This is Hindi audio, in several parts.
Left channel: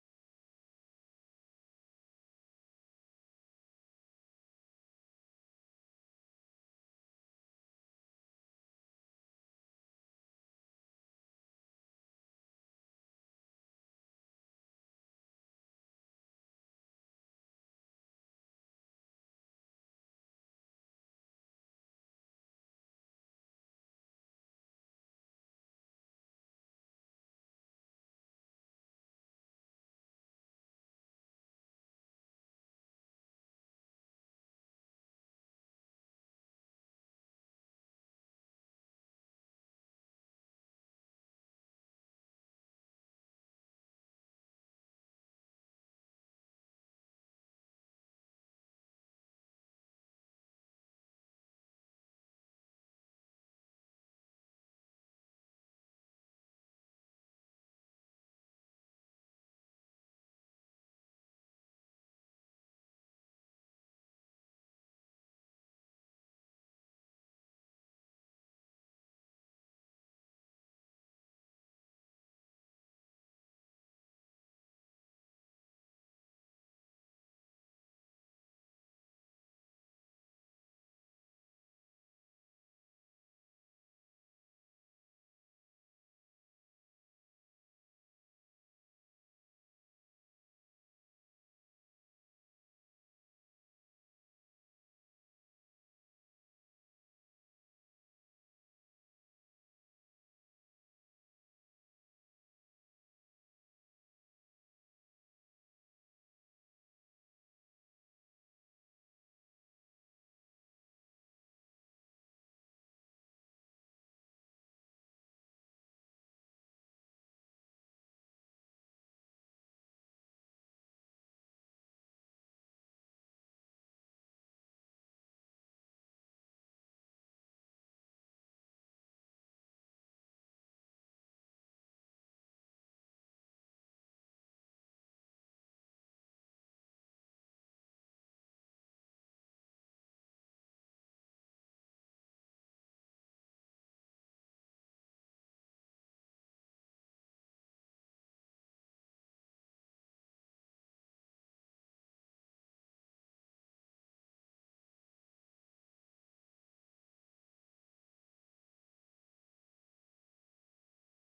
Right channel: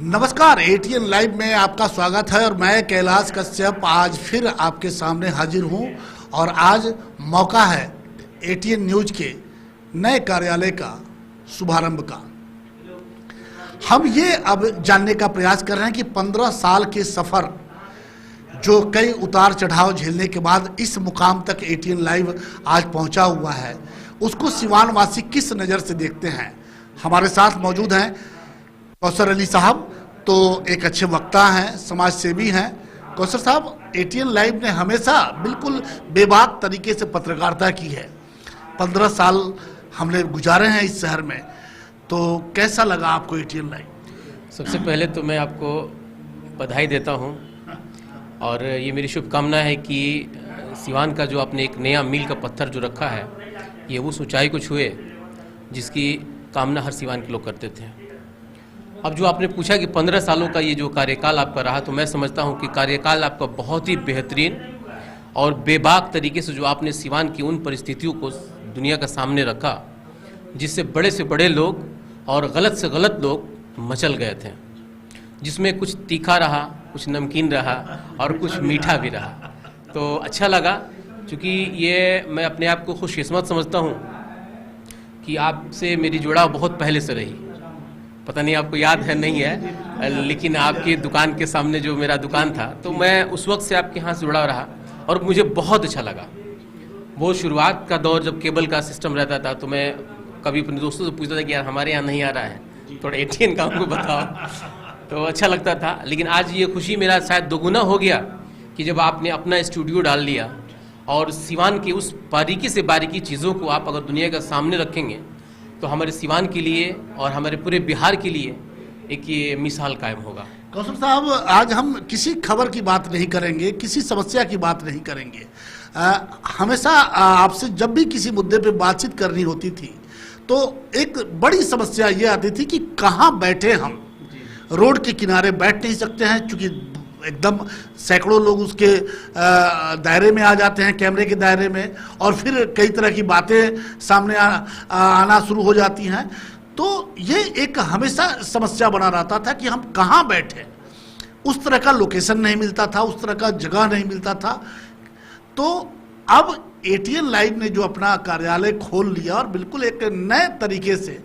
नमस्कार, एटीएन लाइव में आपका स्वागत है और मैं कैलाश कश्यप आज फिर आपके सामने हाजिर हूं और आज मौका है एटीएन न्यूज के नए कार्यालय का शुभारंभ का। हम ये अब जानने का प्रयास कर रहे हैं कि 15 साल के सफ़र जो कई उतार चढ़ाव झेलने के बाद इस मुकाम तक एटीएन लाइव आज पहुंचा हुआ है, उसको सिवान वासी किस नज़र से देखते हैं। हमारे साथ मौजूद हैं कौसर अली साहब, तो एक अच्छे वक्ता हैं, समाज सेवी हैं। कौसर साहब, एटीएन लाइव ने हमेशा बिल्कुल बेबाक तरीके से पत्रकारिता की है। 15 साल हमने गुजारे हैं इस शहर में, तो कैसा लगा आपको एटीएन लाइव? सबसे पहले तो मैं आपको बधाई देता हूं और ये मेरी शुभकामना है कि सिवान का जो आपने एक नया मील का पत्थर जो रखा है, ये उस ऊंचाई को छुए जिसकी कामना हर सिवान के लोग करते थे। अब जो आपने पूछा कि 15 सालों का ये जो कार्यकाल आपका रहा, तो मैं समझता हूँ कि कार्यकाल आपका बहुत ही बेहतरीन और बेबाक तरीके से जो आपने सिवान की उन परिस्थितियों को दुनिया का सामने रखा जिससे बड़े से बड़े लोग और गलत से गलत लोग मचल गए थे, जिसमें कुछ तीखा रहा, कुछ नमकीन रहा और कुछ मीठा भी रहा। तो अच्छा लगा, क्योंकि ये मैं अपने आप को खुशकिस्मत समझता हूँ कि आपसे मेरी जुड़ाव बहुत पहले से रही। पता नहीं आपको याद है नहीं है, लेकिन आपकी दुकान के सामने जो मेरा दुकान था, तो मैं उस वक्त से आपके यहाँ से जुड़ा रहा और मुझे बहुत अच्छा लगा। वो शुरुआत का दौर जब केबल का सिस्टम रहता था, तो मैं कभी अपने दोस्तों से पूछता था कि यार हमारे यहाँ नहीं आ रहा है, थोड़ा एटीएन का हमको बताओ, तो अच्छा लगता था। लेकिन आज ये खुशी मेरा शायद दोगुना हो गया कि जब आपने अपना स्टूडियो डाल लिया और सिवान की उस बारीकी से बारीकी चीज़ों को आप अगर दुनिया के सामने रखेंगे तो हमारे सिवान के लिए और हमारे पूरे बिहार के लिए एक ये मिसाल कायम होगा। कौसर साहब, आज हम किसी खबर की बात नहीं करेंगे, किसी समस्या की बात नहीं करेंगे। हमेशा आपसे जब भी किसी मुद्दे पे बातचीत करनी होती थी तो एक बड़ी समस्या ये आती थी कि कहाँ बैठे हम। रोड के किनारे बैठ नहीं सकते हैं क्योंकि एकदम सैकड़ों लोग उसके दायरे में आ जाते हैं, कैमरे के दायरे में, और फिर कई तरह की बातें सामने आना शुरू हो जाती हैं। तो ये एक हमेशा समस्या बना रहता था कि हम कहाँ बैठे। उस तरह का लोकेशन नहीं मिलता था, उस तरह का जगह नहीं मिलता था। तो अब एटीएन लाइव ने जो अपना कार्यालय खोल लिया और बिल्कुल एक नए तरीके से,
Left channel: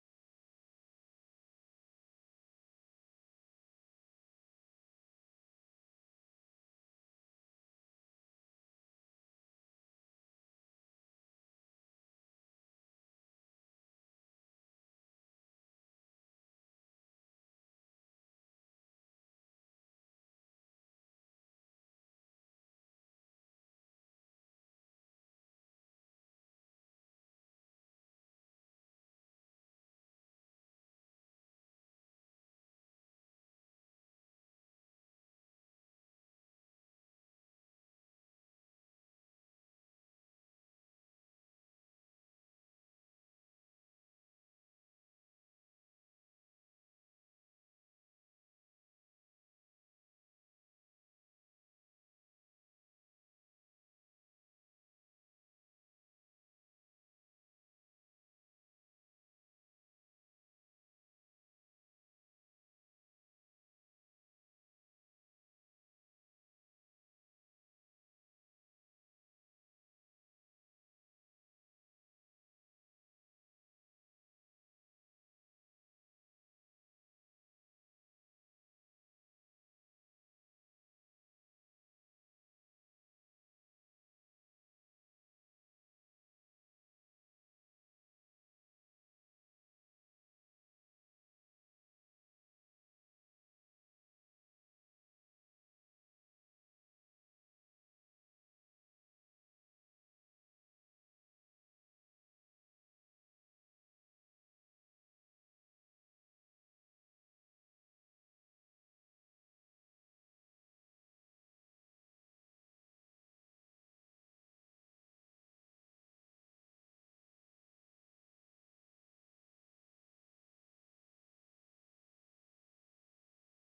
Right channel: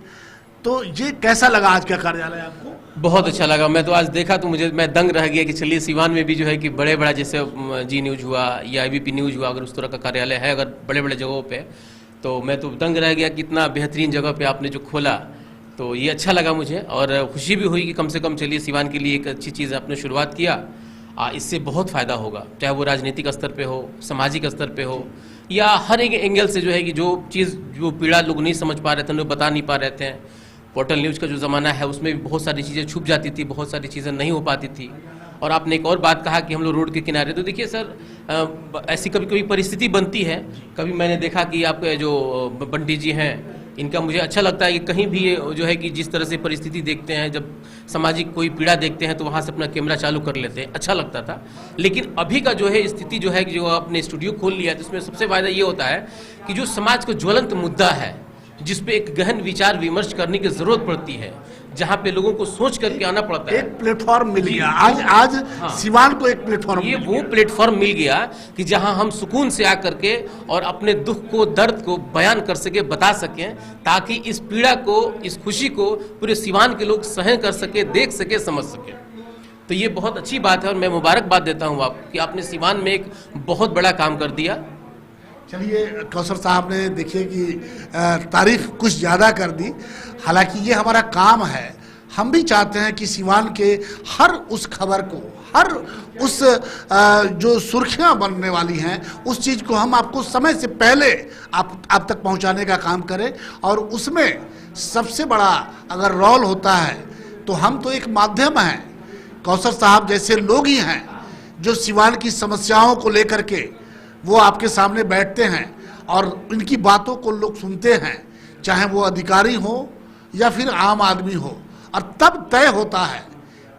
तो ये कैसा लगा आज का कार्यालय आपको? बहुत अच्छा लगा। मैं तो आज देखा तो मैं दंग रह गया कि चलिए सिवान में भी जो है कि बड़े बड़ा जैसे जी न्यूज़ हुआ या IBP न्यूज़ हुआ, अगर उस तरह का कार्यालय है अगर बड़े बड़े जगहों पे, तो मैं तो दंग रह गया कि इतना बेहतरीन जगह पे आपने जो खोला। तो ये अच्छा लगा मुझे और खुशी भी हुई कि कम से कम चलिए सिवान के लिए एक अच्छी चीज़ आपने शुरुआत किया। इससे बहुत फ़ायदा होगा, चाहे वो राजनीतिक स्तर पर हो, सामाजिक स्तर पर हो, या हर एक एंगल से जो है कि जो चीज़ जो पीड़ा लोग नहीं समझ पा रहे थे, उन्हें बता नहीं पा रहे थे। पोर्टल न्यूज़ का जो ज़माना है उसमें भी बहुत सारी चीज़ें छुप जाती थी, बहुत सारी चीज़ें नहीं हो पाती थी। और आपने एक और बात कहा कि हम लोग रोड के किनारे, तो देखिए सर, ऐसी कभी कभी परिस्थिति बनती है। कभी मैंने देखा कि आपके जो बंटी जी हैं, इनका मुझे अच्छा लगता है कि कहीं भी जो है कि जिस तरह से परिस्थिति देखते हैं, जब सामाजिक कोई पीड़ा देखते हैं तो वहाँ से अपना कैमरा चालू कर लेते हैं, अच्छा लगता था। लेकिन अभी का जो है स्थिति जो है कि जो आपने स्टूडियो खोल लिया है, तो उसमें सबसे फ़ायदा ये होता है कि जो समाज का ज्वलंत मुद्दा है, जिस पे एक गहन विचार विमर्श करने की जरूरत पड़ती है, जहां पे लोगों को सोच करके आना पड़ता है, एक प्लेटफॉर्म मिल गया आज हाँ, सिवान को एक प्लेटफॉर्म, ये वो प्लेटफॉर्म मिल गया कि जहां हम सुकून से आकर के और अपने दुख को, दर्द को बयान कर सके, बता सकें, ताकि इस पीड़ा को, इस खुशी को पूरे सिवान के लोग सहन कर सके, देख सके, समझ सके। तो ये बहुत अच्छी बात है और मैं मुबारकबाद देता हूँ आपको कि आपने सिवान में एक बहुत बड़ा काम कर दिया। चलिए कौसर साहब ने देखिए कि तारीफ कुछ ज़्यादा कर दी। हालांकि ये हमारा काम है, हम भी चाहते हैं कि सिवान के हर उस खबर को, हर उस जो सुर्खियां बनने वाली हैं, उस चीज़ को हम आपको समय से पहले आप तक पहुंचाने का काम करें। और उसमें सबसे बड़ा अगर रोल होता है तो हम तो एक माध्यम हैं। कौसर साहब जैसे लोग ही हैं जो सिवान की समस्याओं को लेकर के वो आपके सामने बैठते हैं और इनकी बातों को लोग सुनते हैं, चाहे वो अधिकारी हो या फिर आम आदमी हो, और तब तय होता है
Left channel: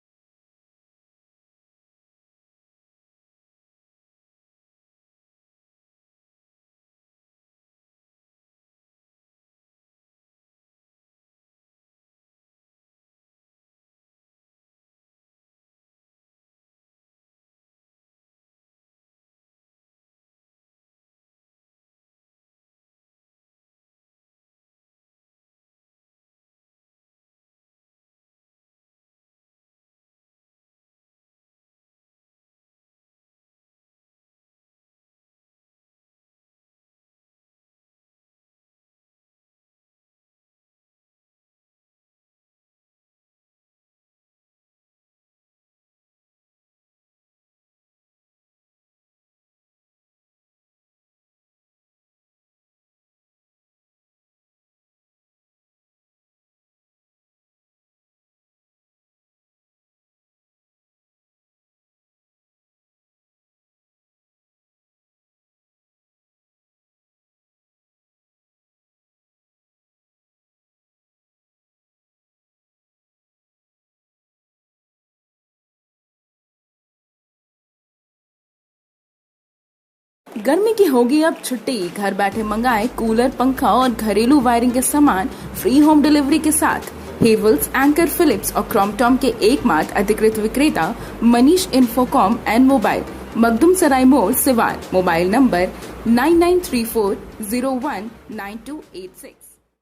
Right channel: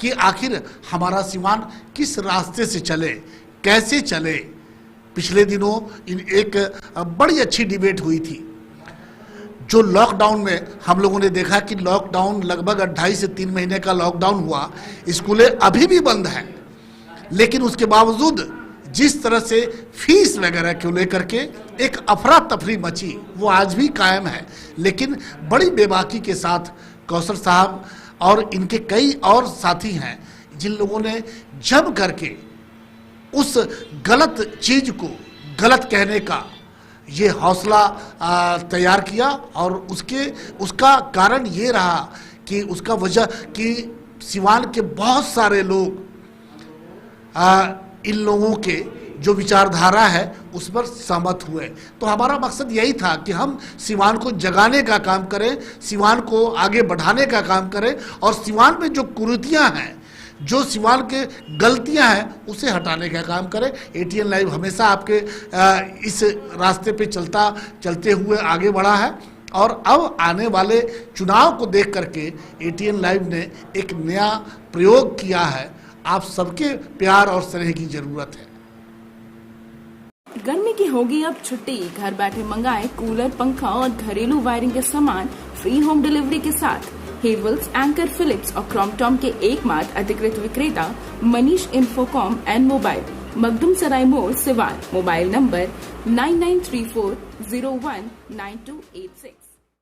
कि आखिर हमारा सिवान किस रास्ते से चले, कैसे चले। पिछले दिनों एक बड़ी अच्छी डिबेट हुई थी जो लॉकडाउन में हम लोगों ने देखा कि लॉकडाउन लगभग 2.5 से 3 महीने का लॉकडाउन हुआ, स्कूलें अभी भी बंद हैं, लेकिन उसके बावजूद जिस तरह से फीस वगैरह को लेकर के एक अफरा तफरी मची वो आज भी कायम है। लेकिन बड़ी बेबाकी के साथ कौसर साहब और इनके कई और साथी हैं जिन लोगों ने जम करके उस गलत चीज को गलत कहने का ये हौसला तैयार किया, और उसका कारण ये रहा कि उसका वजह कि सिवान के बहुत सारे लोग इन लोगों के जो विचारधारा है उस पर सहमत हुए। तो हमारा मकसद यही था कि हम सिवान को जगाने का काम करें, सिवान को आगे बढ़ाने का काम करें, और सिवान में जो कुरीतियां हैं, जो सिवान के गलतियां हैं, उसे हटाने का काम करें। एटीएन लाइव हमेशा आपके इस रास्ते पे चलते हुए आगे बढ़ा है, और अब आने वाले चुनाव को देख करके एटीएन लाइव ने एक नया प्रयोग किया है। आप सबके प्यार और स्नेह की जरूरत है। गर्मी की होगी अब छुट्टी, घर बैठे मंगाए कूलर, पंखा और घरेलू वायरिंग के सामान फ्री होम डिलीवरी के साथ। हेवल्स, एंकर, फिलिप्स और क्रॉम्पटन के एकमात्र अधिकृत विक्रेता Manish Infocom and mobile, Makhdum Sarai मोड़, सिवान। Mobile number 9934019286।